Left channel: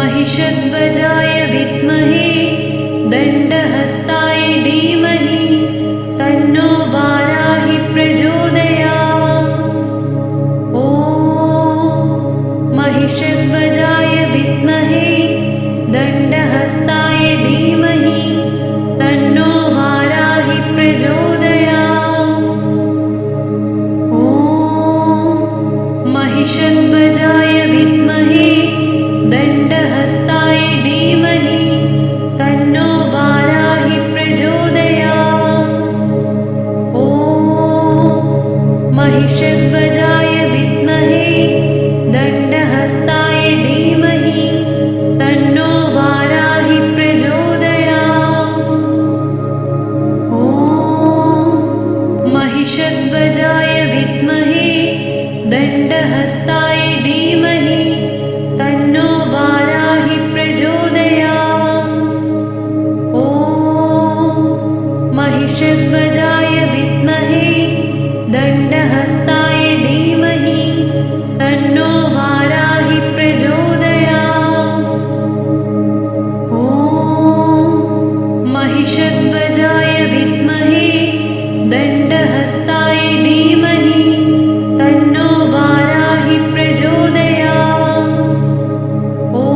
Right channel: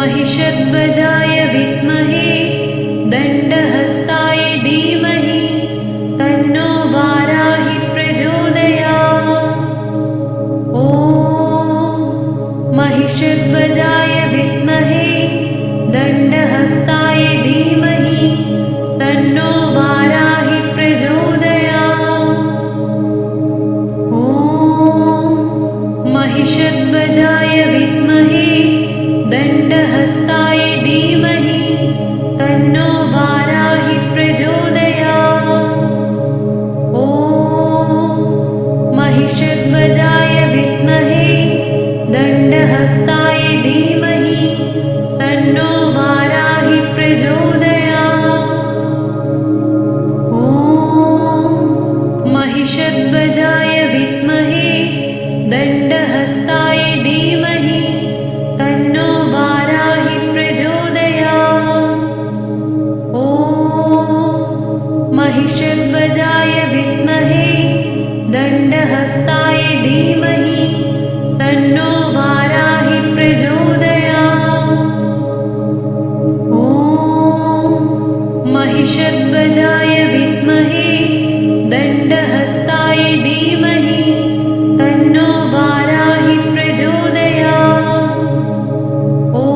महिषध्वजाय विद्महे दण्डहस्ताय धीमहि तन्नो वाराहि प्रचोदयात्। ॐ महिषध्वजाय विद्महे दण्डहस्ताय धीमहि तन्नो वाराहि प्रचोदयात्। ॐ महिषध्वजाय विद्महे दण्डहस्ताय धीमहि तन्नो वाराहि प्रचोदयात्। ॐ महिषध्वजाय विद्महे दण्डहस्ताय धीमहि तन्नो वाराहि प्रचोदयात्। ॐ महिषध्वजाय विद्महे दण्डहस्ताय धीमहि तन्नो वाराहि प्रचोदयात्। ॐ महिषध्वजाय विद्महे दण्डहस्ताय धीमहि तन्नो वाराहि प्रचोदयात्। ॐ महिषध्वजाय विद्महे दण्डहस्ताय धीमहि तन्नो वाराहि प्रचोदयात्। ॐ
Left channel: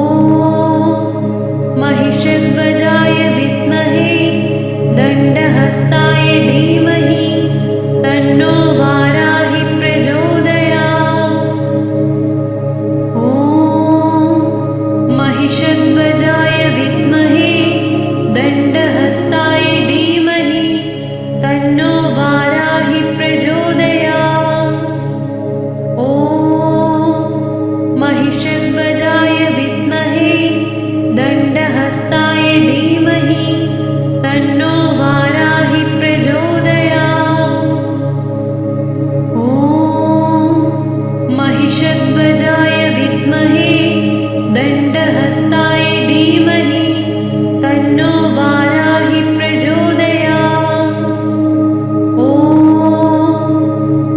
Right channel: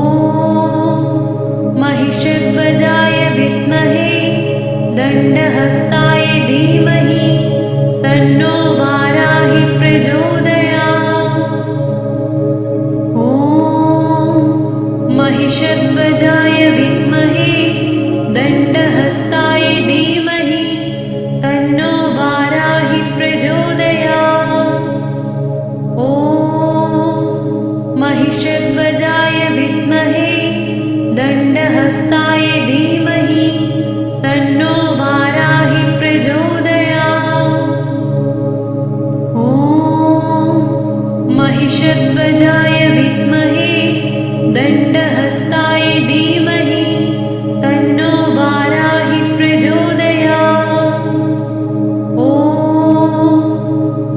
महिषध्वजाय विद्महे दण्डहस्ताय धीमहि तन्नो वाराहि प्रचोदयात्। ॐ महिषध्वजाय विद्महे दण्डहस्ताय धीमहि तन्नो वाराहि प्रचोदयात्। ॐ महिषध्वजाय विद्महे दण्डहस्ताय धीमहि तन्नो वाराहि प्रचोदयात्। ॐ महिषध्वजाय विद्महे दण्डहस्ताय धीमहि तन्नो वाराहि प्रचोदयात्। ॐ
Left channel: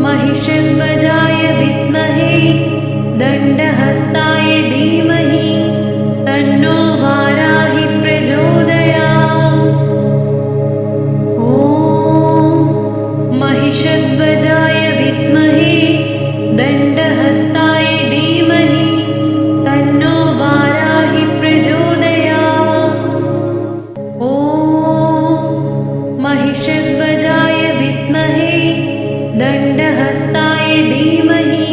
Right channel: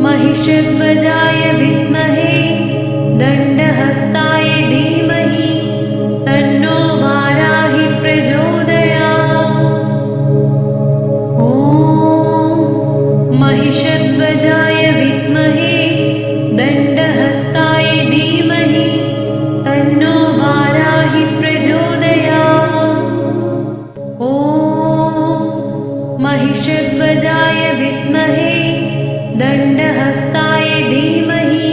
महिषध्वजाय विद्महे दण्डहस्ताय धीमहि तन्नो वाराहि प्रचोदयात्। ॐ महिषध्वजाय विद्महे दण्डहस्ताय धीमहि तन्नो वाराहि प्रचोदयात्। ॐ महिषध्वजाय विद्महे दण्डहस्ताय धीमहि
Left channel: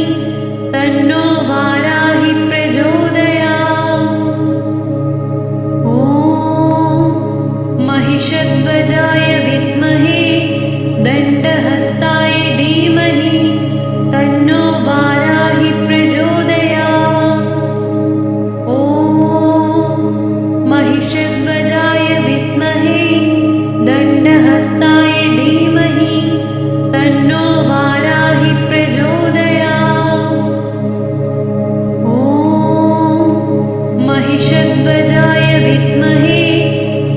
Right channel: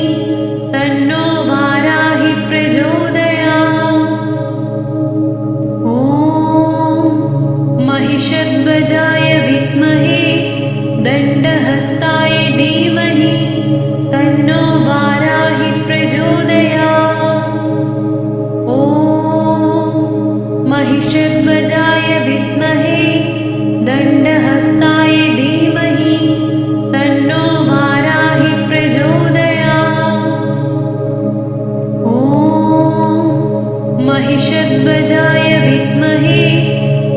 तन्नो वाराहि प्रचोदयात्। ॐ महिषध्वजाय विद्महे दण्डहस्ताय धीमहि तन्नो वाराहि प्रचोदयात्। ॐ महिषध्वजाय विद्महे दण्डहस्ताय धीमहि तन्नो वाराहि प्रचोदयात्। ॐ महिषध्वजाय विद्महे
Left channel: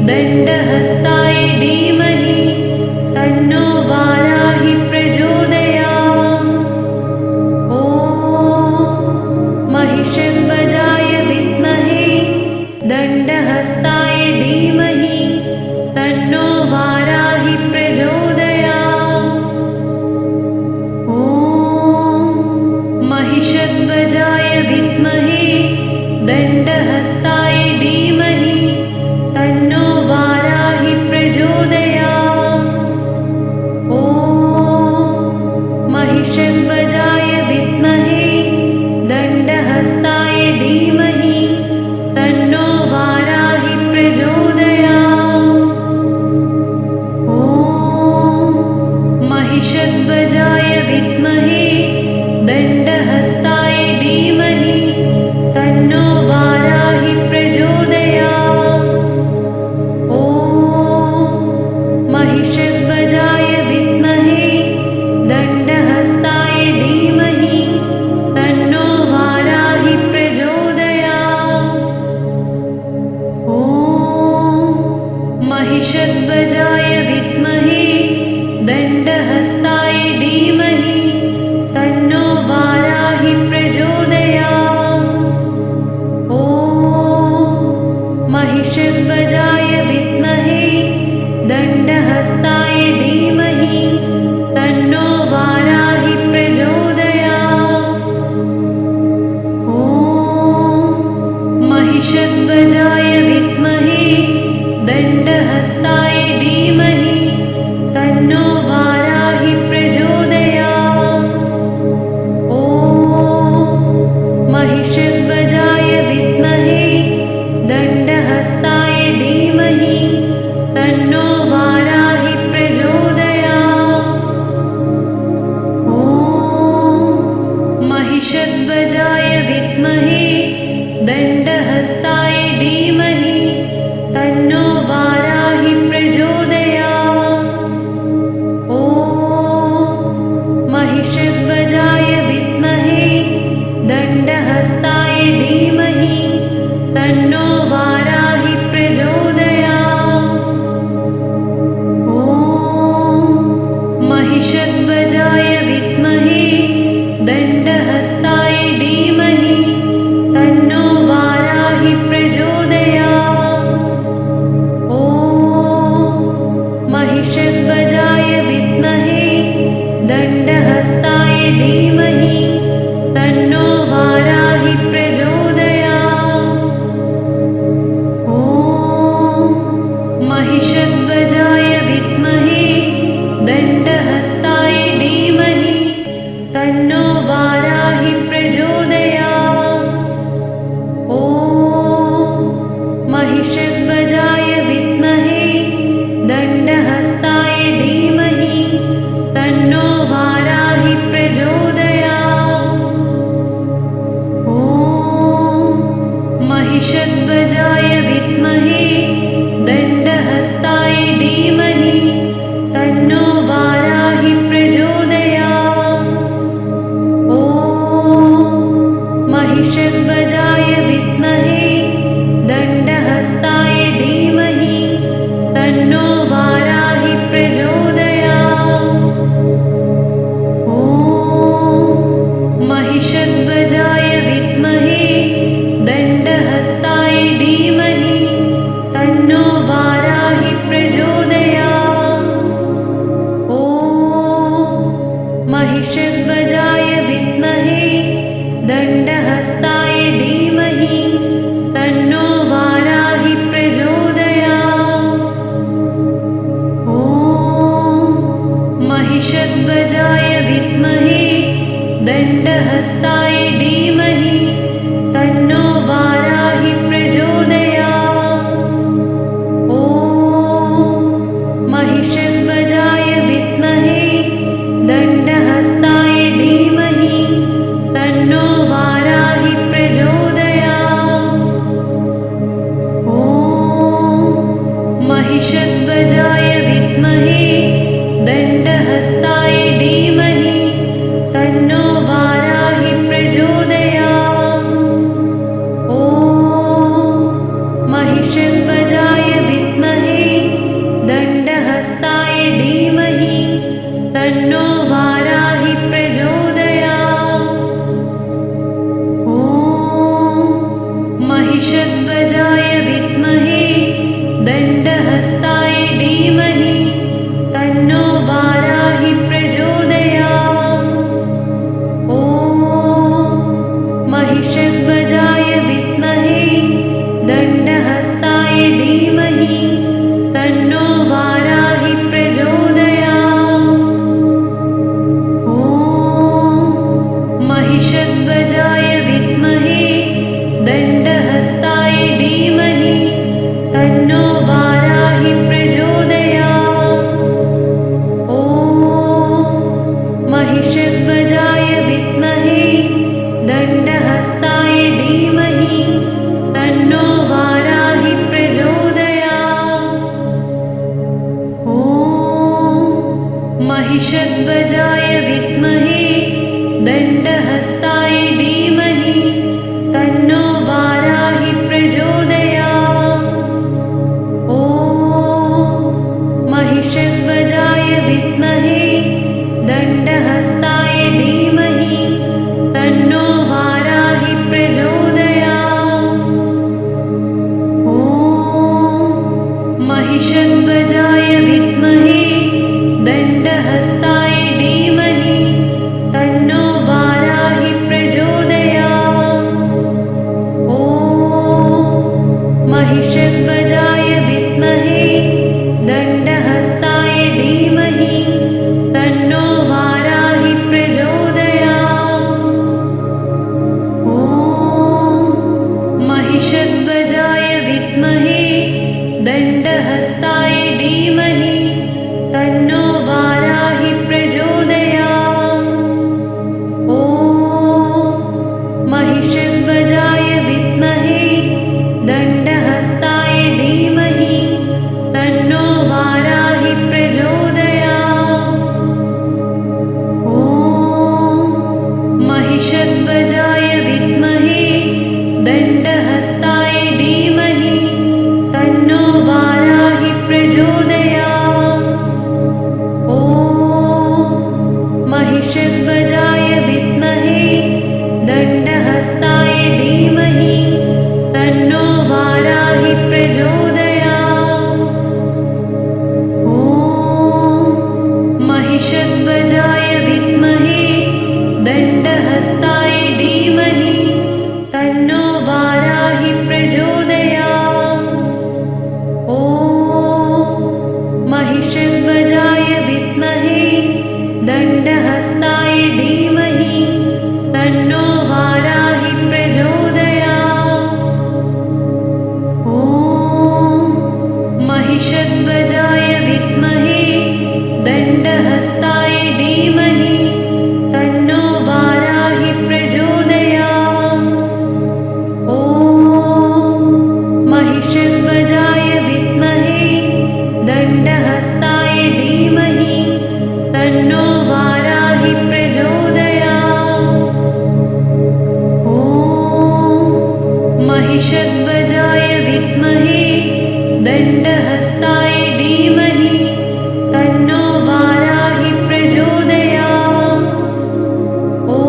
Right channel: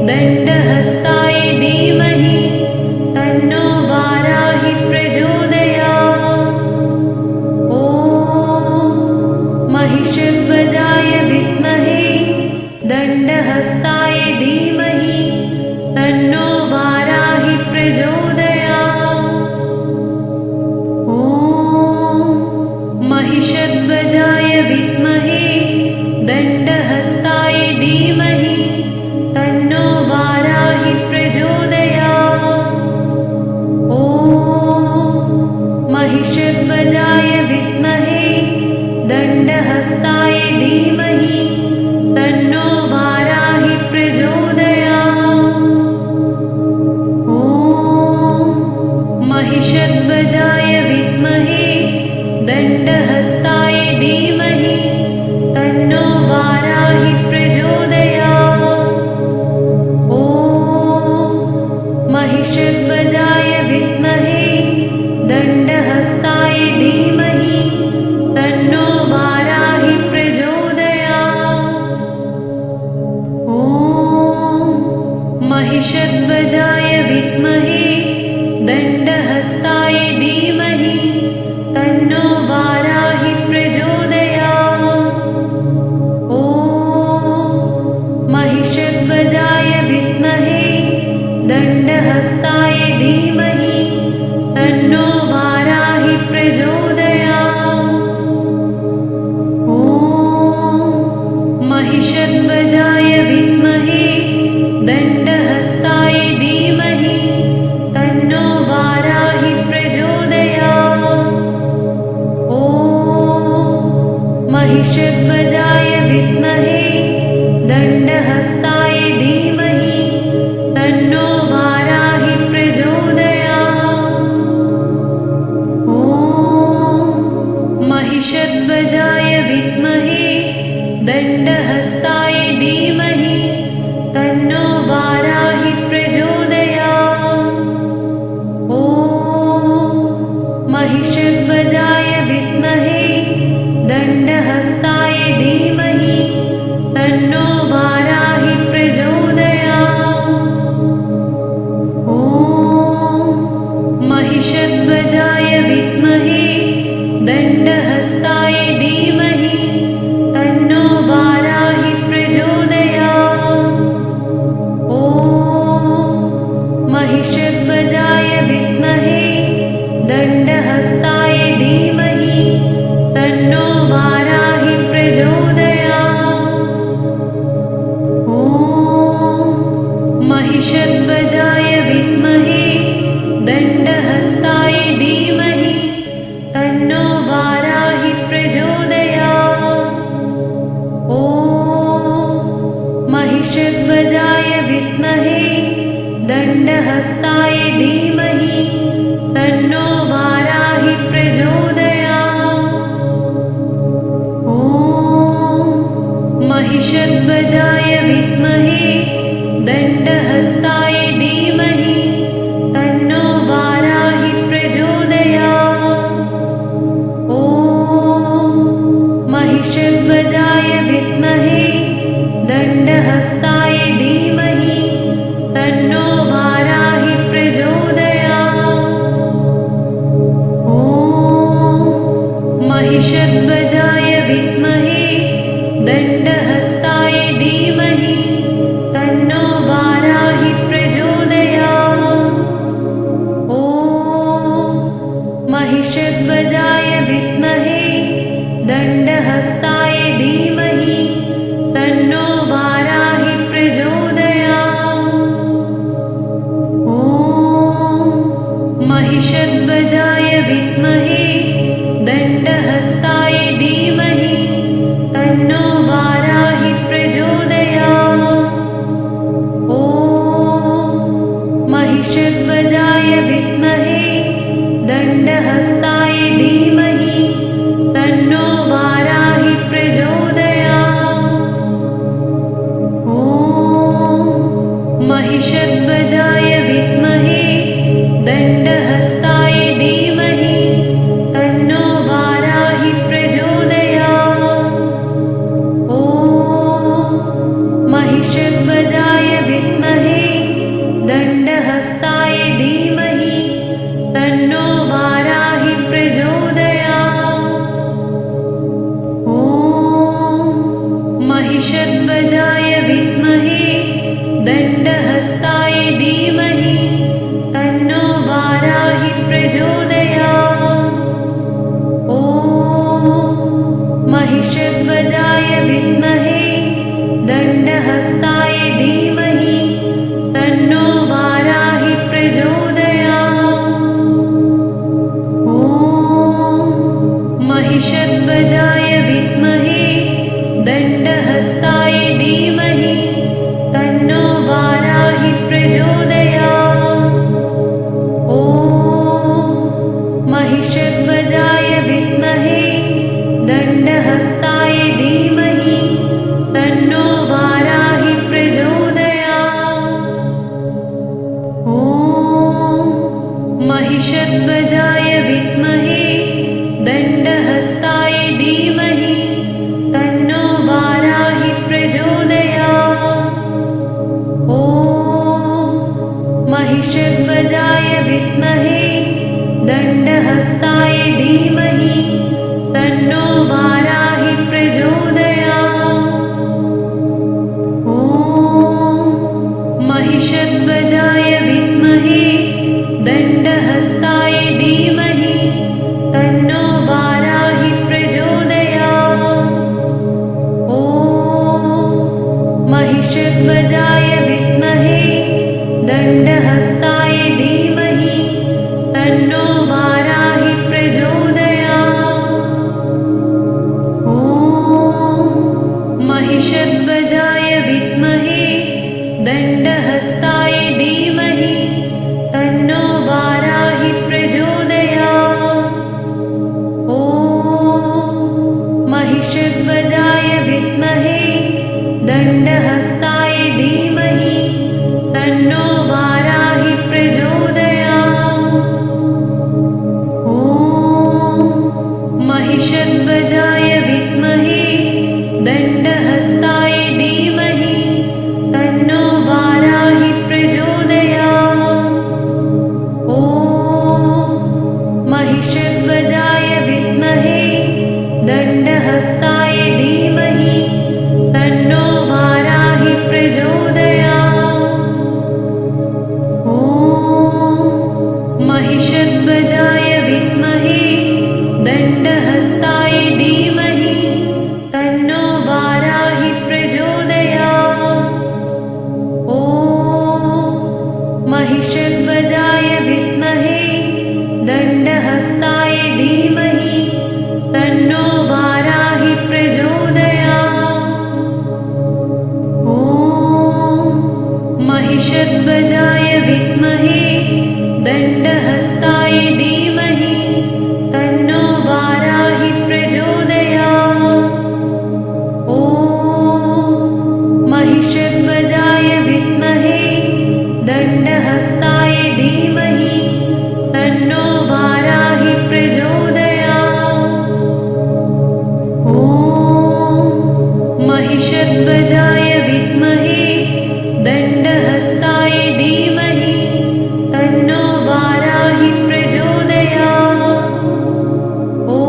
दण्डहस्ताय धीमहि तन्नो वाराहि प्रचोदयात्। ॐ महिषध्वजाय विद्महे दण्डहस्ताय धीमहि तन्नो वाराहि प्रचोदयात्। ॐ महिषध्वजाय विद्महे दण्डहस्ताय धीमहि तन्नो वाराहि प्रचोदयात्। ॐ महिषध्वजाय विद्महे दण्डहस्ताय धीमहि तन्नो वाराहि प्रचोदयात्। ॐ महिषध्वजाय विद्महे दण्डहस्ताय धीमहि तन्नो वाराहि प्रचोदयात्। ॐ महिषध्वजाय विद्महे दण्डहस्ताय धीमहि तन्नो वाराहि प्रचोदयात्। ॐ महिषध्वजाय विद्महे दण्डहस्ताय धीमहि तन्नो वाराहि प्रचोदयात्। ॐ महिषध्वजाय विद्महे दण्डहस्ताय धीमहि तन्नो वाराहि प्रचोदयात्। ॐ महिषध्वजाय विद्महे दण्डहस्ताय धीमहि तन्नो वाराहि प्रचोदयात्। ॐ महिषध्वजाय विद्महे दण्डहस्ताय धीमहि तन्नो वाराहि प्रचोदयात्। ॐ महिषध्वजाय विद्महे दण्डहस्ताय धीमहि तन्नो वाराहि प्रचोदयात्। ॐ महिषध्वजाय विद्महे दण्डहस्ताय धीमहि तन्नो वाराहि प्रचोदयात्। ॐ महिषध्वजाय विद्महे दण्डहस्ताय धीमहि तन्नो वाराहि प्रचोदयात्। ॐ महिषध्वजाय विद्महे दण्डहस्ताय धीमहि तन्नो वाराहि प्रचोदयात्। ॐ महिषध्वजाय विद्महे दण्डहस्ताय धीमहि तन्नो वाराहि प्रचोदयात्। ॐ महिषध्वजाय विद्महे दण्डहस्ताय धीमहि तन्नो वाराहि प्रचोदयात्। ॐ महिषध्वजाय विद्महे दण्डहस्ताय धीमहि तन्नो वाराहि प्रचोदयात्। ॐ महिषध्वजाय विद्महे दण्डहस्ताय धीमहि तन्नो वाराहि प्रचोदयात्। ॐ महिषध्वजाय विद्महे दण्डहस्ताय धीमहि तन्नो वाराहि प्रचोदयात्। ॐ महिषध्वजाय विद्महे दण्डहस्ताय धीमहि तन्नो वाराहि प्रचोदयात्। ॐ महिषध्वजाय विद्महे दण्डहस्ताय धीमहि तन्नो वाराहि प्रचोदयात्। ॐ महिषध्वजाय विद्महे दण्डहस्ताय धीमहि तन्नो वाराहि प्रचोदयात्। ॐ महिषध्वजाय विद्महे दण्डहस्ताय धीमहि तन्नो वाराहि प्रचोदयात्। ॐ महिषध्वजाय विद्महे दण्डहस्ताय धीमहि तन्नो वाराहि प्रचोदयात्। ॐ महिषध्वजाय विद्महे दण्डहस्ताय धीमहि तन्नो वाराहि प्रचोदयात्। ॐ महिषध्वजाय विद्महे दण्डहस्ताय धीमहि तन्नो वाराहि प्रचोदयात्। ॐ महिषध्वजाय विद्महे दण्डहस्ताय धीमहि तन्नो वाराहि प्रचोदयात्। ॐ महिषध्वजाय विद्महे दण्डहस्ताय धीमहि तन्नो वाराहि प्रचोदयात्। ॐ महिषध्वजाय विद्महे दण्डहस्ताय धीमहि तन्नो वाराहि प्रचोदयात्। ॐ महिषध्वजाय विद्महे दण्डहस्ताय धीमहि दण्डहस्ताय धीमहि तन्नो वाराहि प्रचोदयात्। ॐ महिषध्वजाय विद्महे दण्डहस्ताय धीमहि तन्नो वाराहि प्रचोदयात्। ॐ महिषध्वजाय विद्महे दण्डहस्ताय धीमहि तन्नो वाराहि प्रचोदयात्। ॐ महिषध्वजाय विद्महे दण्डहस्ताय धीमहि तन्नो वाराहि प्रचोदयात्। ॐ महिषध्वजाय विद्महे दण्डहस्ताय धीमहि तन्नो वाराहि प्रचोदयात्। ॐ महिषध्वजाय विद्महे दण्डहस्ताय धीमहि तन्नो वाराहि प्रचोदयात्। ॐ महिषध्वजाय विद्महे दण्डहस्ताय धीमहि तन्नो वाराहि प्रचोदयात्। ॐ महिषध्वजाय विद्महे दण्डहस्ताय धीमहि तन्नो वाराहि प्रचोदयात्। ॐ महिषध्वजाय विद्महे दण्डहस्ताय धीमहि तन्नो वाराहि प्रचोदयात्। ॐ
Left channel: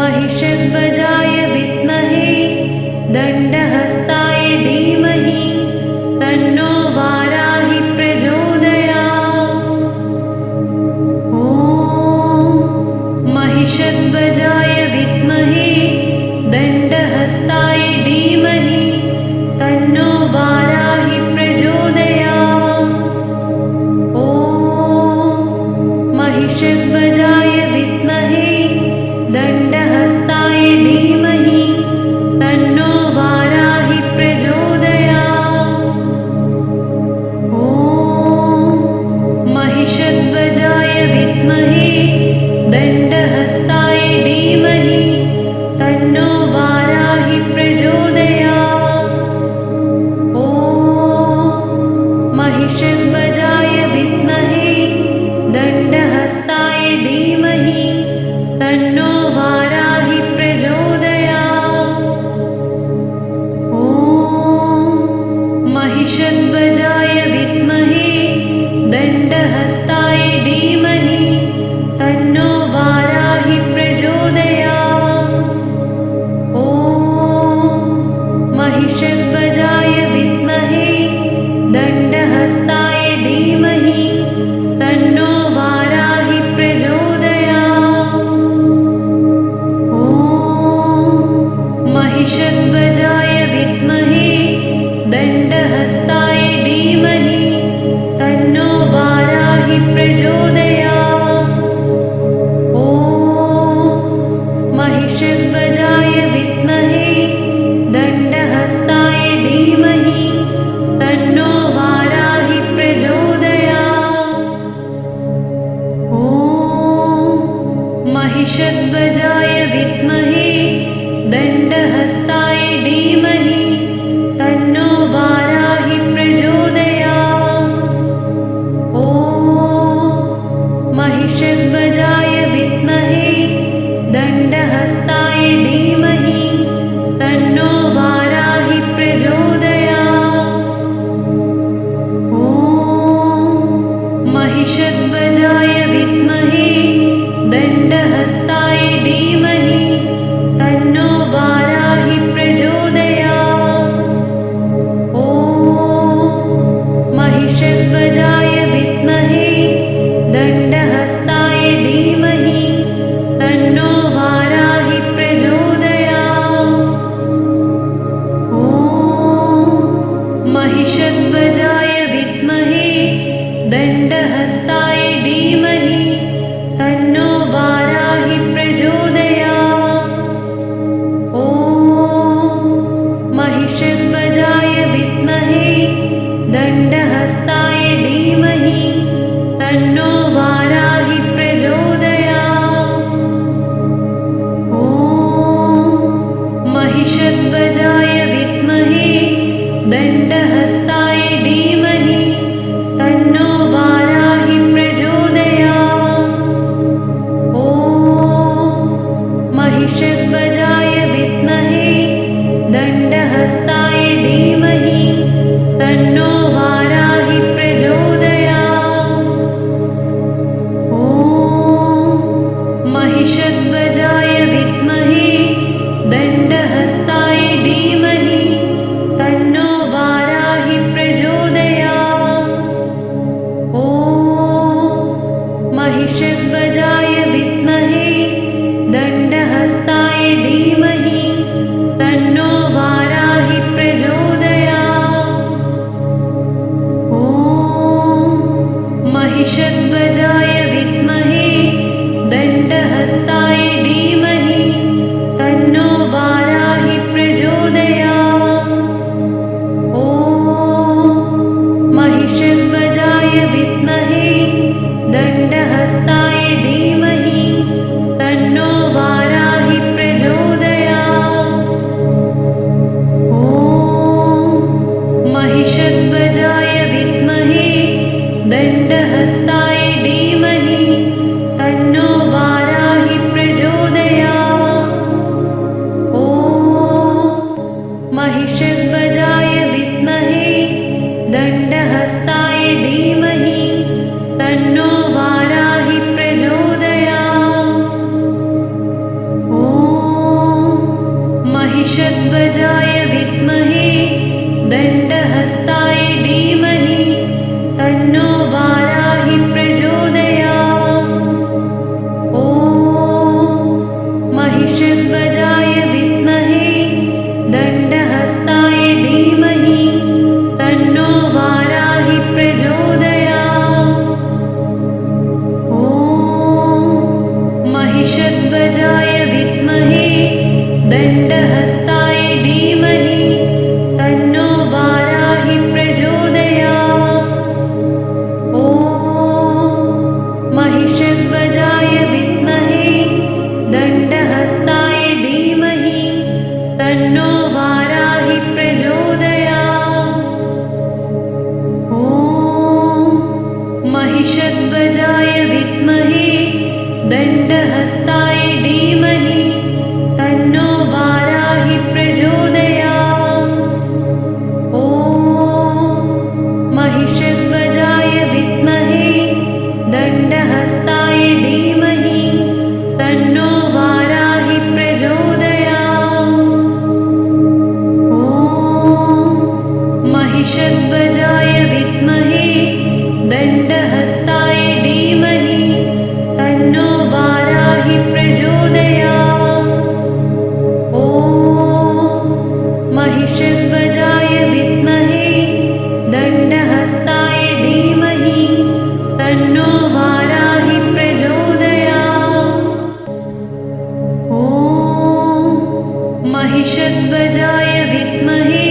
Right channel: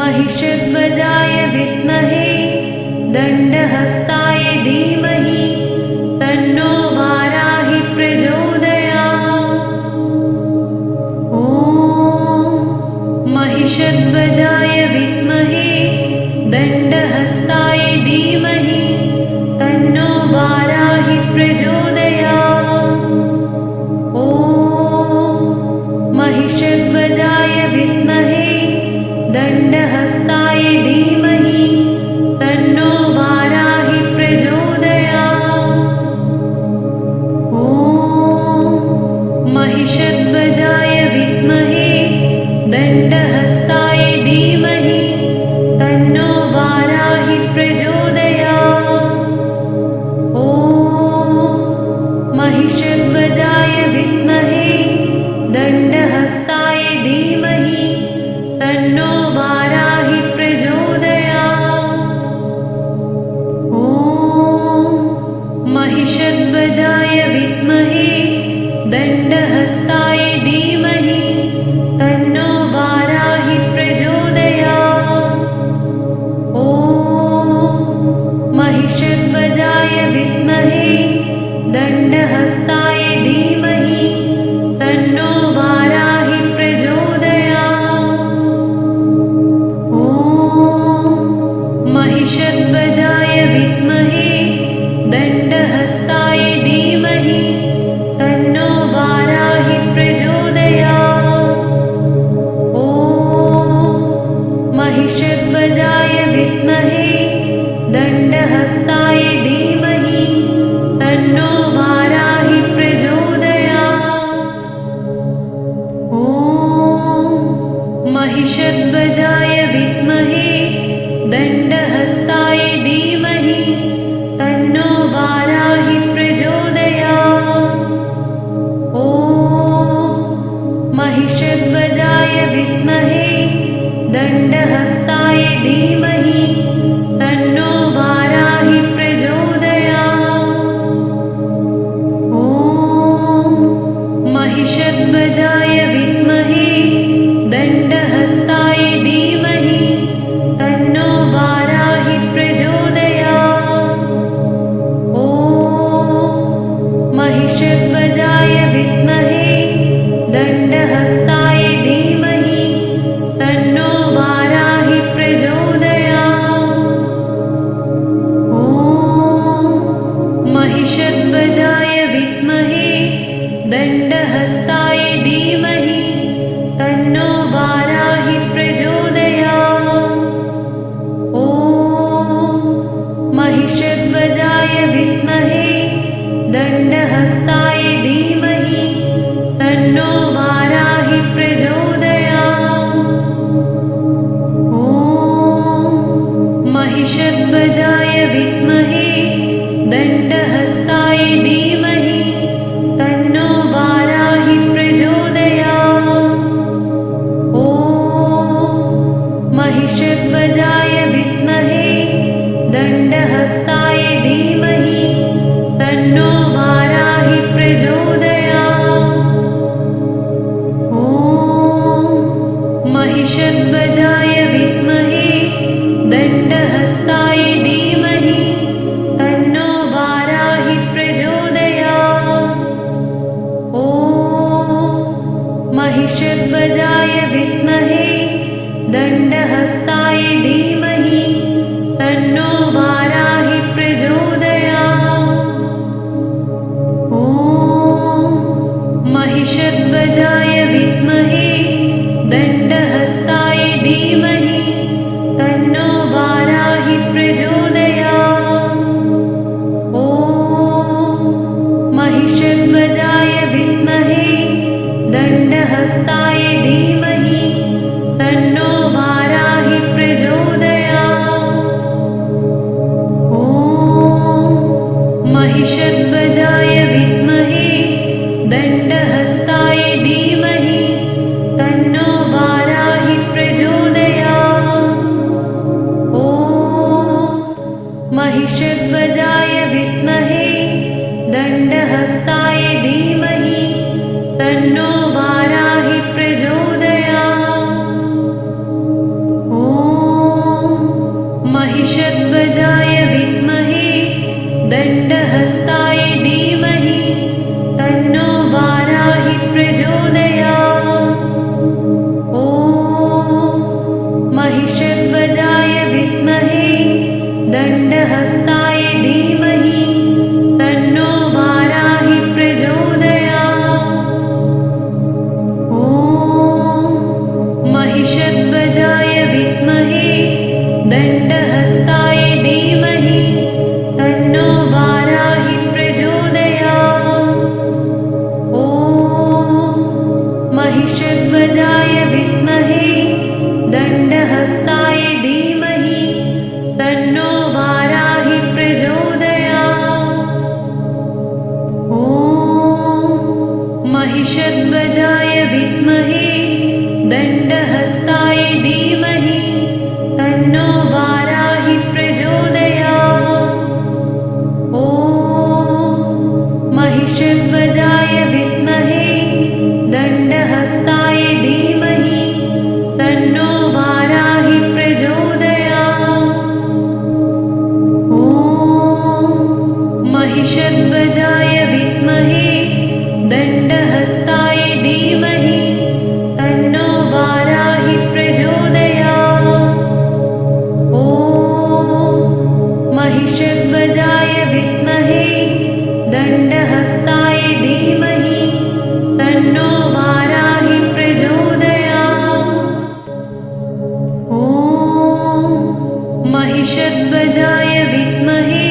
महिषध्वजाय विद्महे दण्डहस्ताय धीमहि तन्नो वाराहि प्रचोदयात्। ॐ महिषध्वजाय विद्महे दण्डहस्ताय धीमहि तन्नो वाराहि प्रचोदयात्। ॐ महिषध्वजाय विद्महे दण्डहस्ताय धीमहि तन्नो वाराहि प्रचोदयात्। ॐ महिषध्वजाय विद्महे दण्डहस्ताय धीमहि तन्नो वाराहि प्रचोदयात्। ॐ महिषध्वजाय विद्महे दण्डहस्ताय धीमहि तन्नो वाराहि प्रचोदयात्। ॐ महिषध्वजाय विद्महे दण्डहस्ताय धीमहि तन्नो वाराहि प्रचोदयात्। ॐ महिषध्वजाय विद्महे दण्डहस्ताय धीमहि तन्नो वाराहि प्रचोदयात्। ॐ महिषध्वजाय विद्महे दण्डहस्ताय धीमहि तन्नो वाराहि प्रचोदयात्। ॐ महिषध्वजाय विद्महे दण्डहस्ताय धीमहि तन्नो वाराहि प्रचोदयात्। ॐ महिषध्वजाय विद्महे दण्डहस्ताय धीमहि तन्नो वाराहि प्रचोदयात्। ॐ महिषध्वजाय विद्महे दण्डहस्ताय धीमहि तन्नो वाराहि प्रचोदयात्। ॐ महिषध्वजाय विद्महे दण्डहस्ताय धीमहि तन्नो वाराहि प्रचोदयात्। ॐ महिषध्वजाय विद्महे दण्डहस्ताय धीमहि तन्नो वाराहि प्रचोदयात्। ॐ महिषध्वजाय विद्महे दण्डहस्ताय धीमहि तन्नो वाराहि प्रचोदयात्। ॐ महिषध्वजाय विद्महे महिषध्वजाय विद्महे दण्डहस्ताय धीमहि तन्नो वाराहि प्रचोदयात्। ॐ महिषध्वजाय विद्महे दण्डहस्ताय धीमहि तन्नो वाराहि प्रचोदयात्। ॐ महिषध्वजाय विद्महे दण्डहस्ताय धीमहि तन्नो वाराहि प्रचोदयात्। ॐ महिषध्वजाय विद्महे दण्डहस्ताय धीमहि तन्नो वाराहि प्रचोदयात्। ॐ महिषध्वजाय विद्महे दण्डहस्ताय धीमहि तन्नो वाराहि प्रचोदयात्। ॐ महिषध्वजाय विद्महे दण्डहस्ताय धीमहि तन्नो वाराहि प्रचोदयात्। ॐ महिषध्वजाय विद्महे दण्डहस्ताय धीमहि तन्नो वाराहि प्रचोदयात्। ॐ महिषध्वजाय विद्महे दण्डहस्ताय धीमहि तन्नो वाराहि प्रचोदयात्। ॐ महिषध्वजाय विद्महे दण्डहस्ताय धीमहि तन्नो वाराहि प्रचोदयात्। ॐ महिषध्वजाय विद्महे दण्डहस्ताय धीमहि तन्नो वाराहि प्रचोदयात्। ॐ महिषध्वजाय विद्महे दण्डहस्ताय धीमहि तन्नो वाराहि प्रचोदयात्। ॐ महिषध्वजाय विद्महे दण्डहस्ताय धीमहि तन्नो वाराहि प्रचोदयात्। ॐ महिषध्वजाय विद्महे दण्डहस्ताय धीमहि तन्नो वाराहि प्रचोदयात्। ॐ महिषध्वजाय विद्महे दण्डहस्ताय धीमहि तन्नो वाराहि प्रचोदयात्। ॐ महिषध्वजाय विद्महे दण्डहस्ताय धीमहि तन्नो वाराहि प्रचोदयात्। ॐ महिषध्वजाय विद्महे दण्डहस्ताय धीमहि तन्नो वाराहि प्रचोदयात्। ॐ महिषध्वजाय विद्महे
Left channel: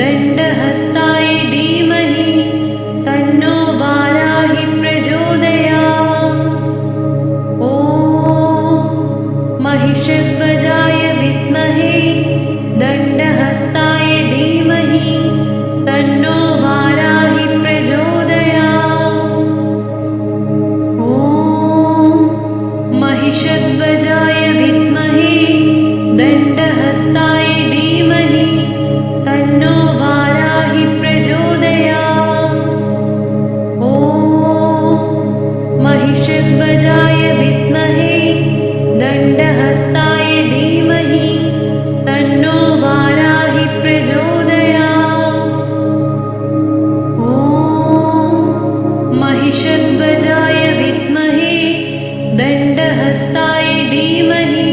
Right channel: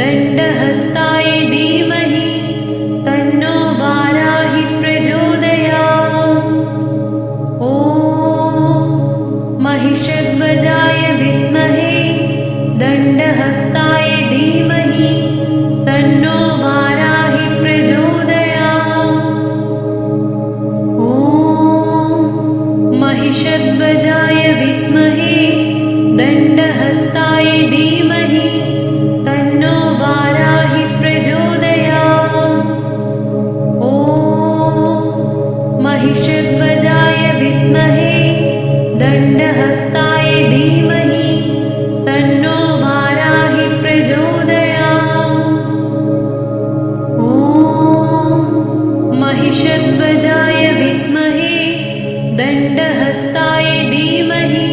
दण्डहस्ताय धीमहि तन्नो वाराहि प्रचोदयात्। ॐ महिषध्वजाय विद्महे दण्डहस्ताय धीमहि तन्नो वाराहि प्रचोदयात्। ॐ महिषध्वजाय विद्महे दण्डहस्ताय धीमहि तन्नो वाराहि प्रचोदयात्। ॐ महिषध्वजाय विद्महे दण्डहस्ताय धीमहि तन्नो वाराहि प्रचोदयात्। ॐ महिषध्वजाय विद्महे दण्डहस्ताय धीमहि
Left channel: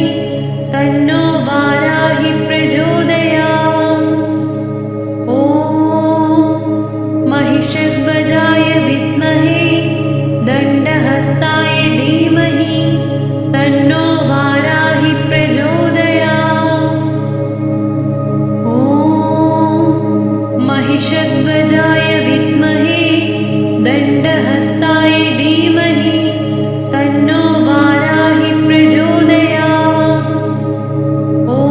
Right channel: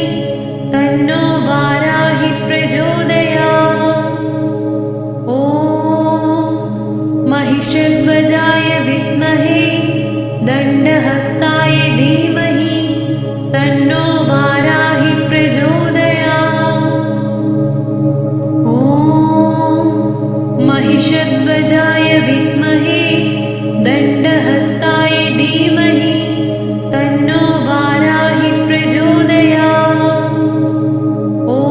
तन्नो वाराहि प्रचोदयात्। ॐ महिषध्वजाय विद्महे दण्डहस्ताय धीमहि तन्नो वाराहि प्रचोदयात्। ॐ महिषध्वजाय विद्महे दण्डहस्ताय धीमहि तन्नो वाराहि प्रचोदयात्। ॐ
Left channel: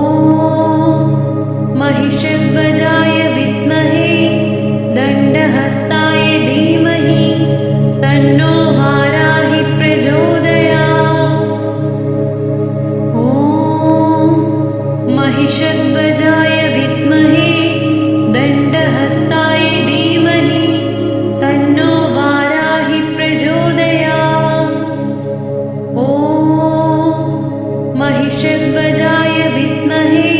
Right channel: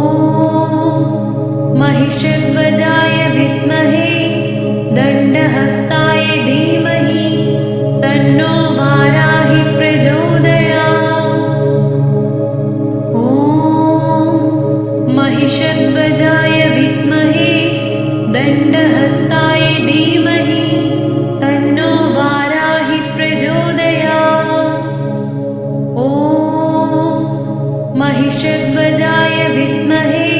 महिषध्वजाय विद्महे दण्डहस्ताय धीमहि तन्नो वाराहि प्रचोदयात्। ॐ महिषध्वजाय विद्महे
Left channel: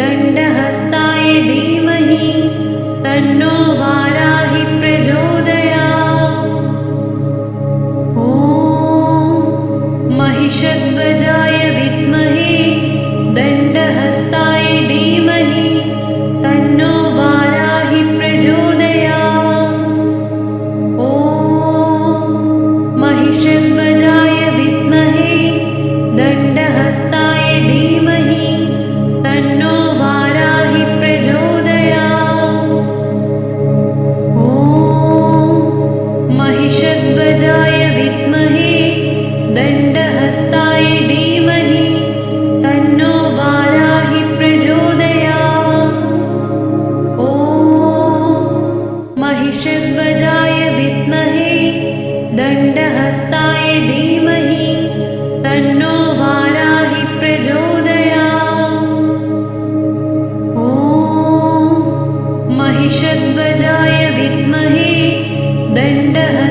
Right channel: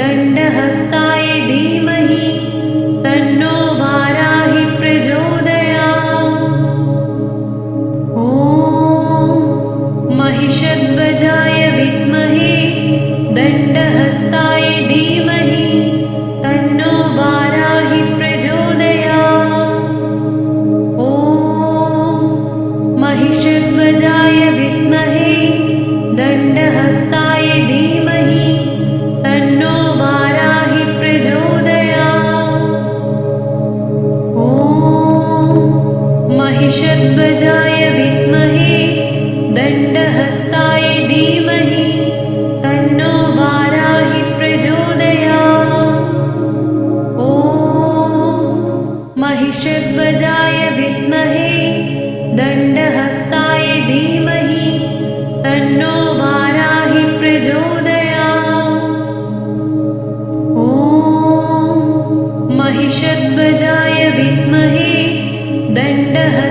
दण्डहस्ताय धीमहि तन्नो वाराहि प्रचोदयात्। ॐ महिषध्वजाय विद्महे दण्डहस्ताय धीमहि तन्नो वाराहि प्रचोदयात्। ॐ महिषध्वजाय विद्महे दण्डहस्ताय धीमहि तन्नो वाराहि प्रचोदयात्। ॐ महिषध्वजाय विद्महे दण्डहस्ताय धीमहि तन्नो वाराहि प्रचोदयात्। ॐ महिषध्वजाय विद्महे दण्डहस्ताय धीमहि तन्नो वाराहि प्रचोदयात्। ॐ महिषध्वजाय विद्महे दण्डहस्ताय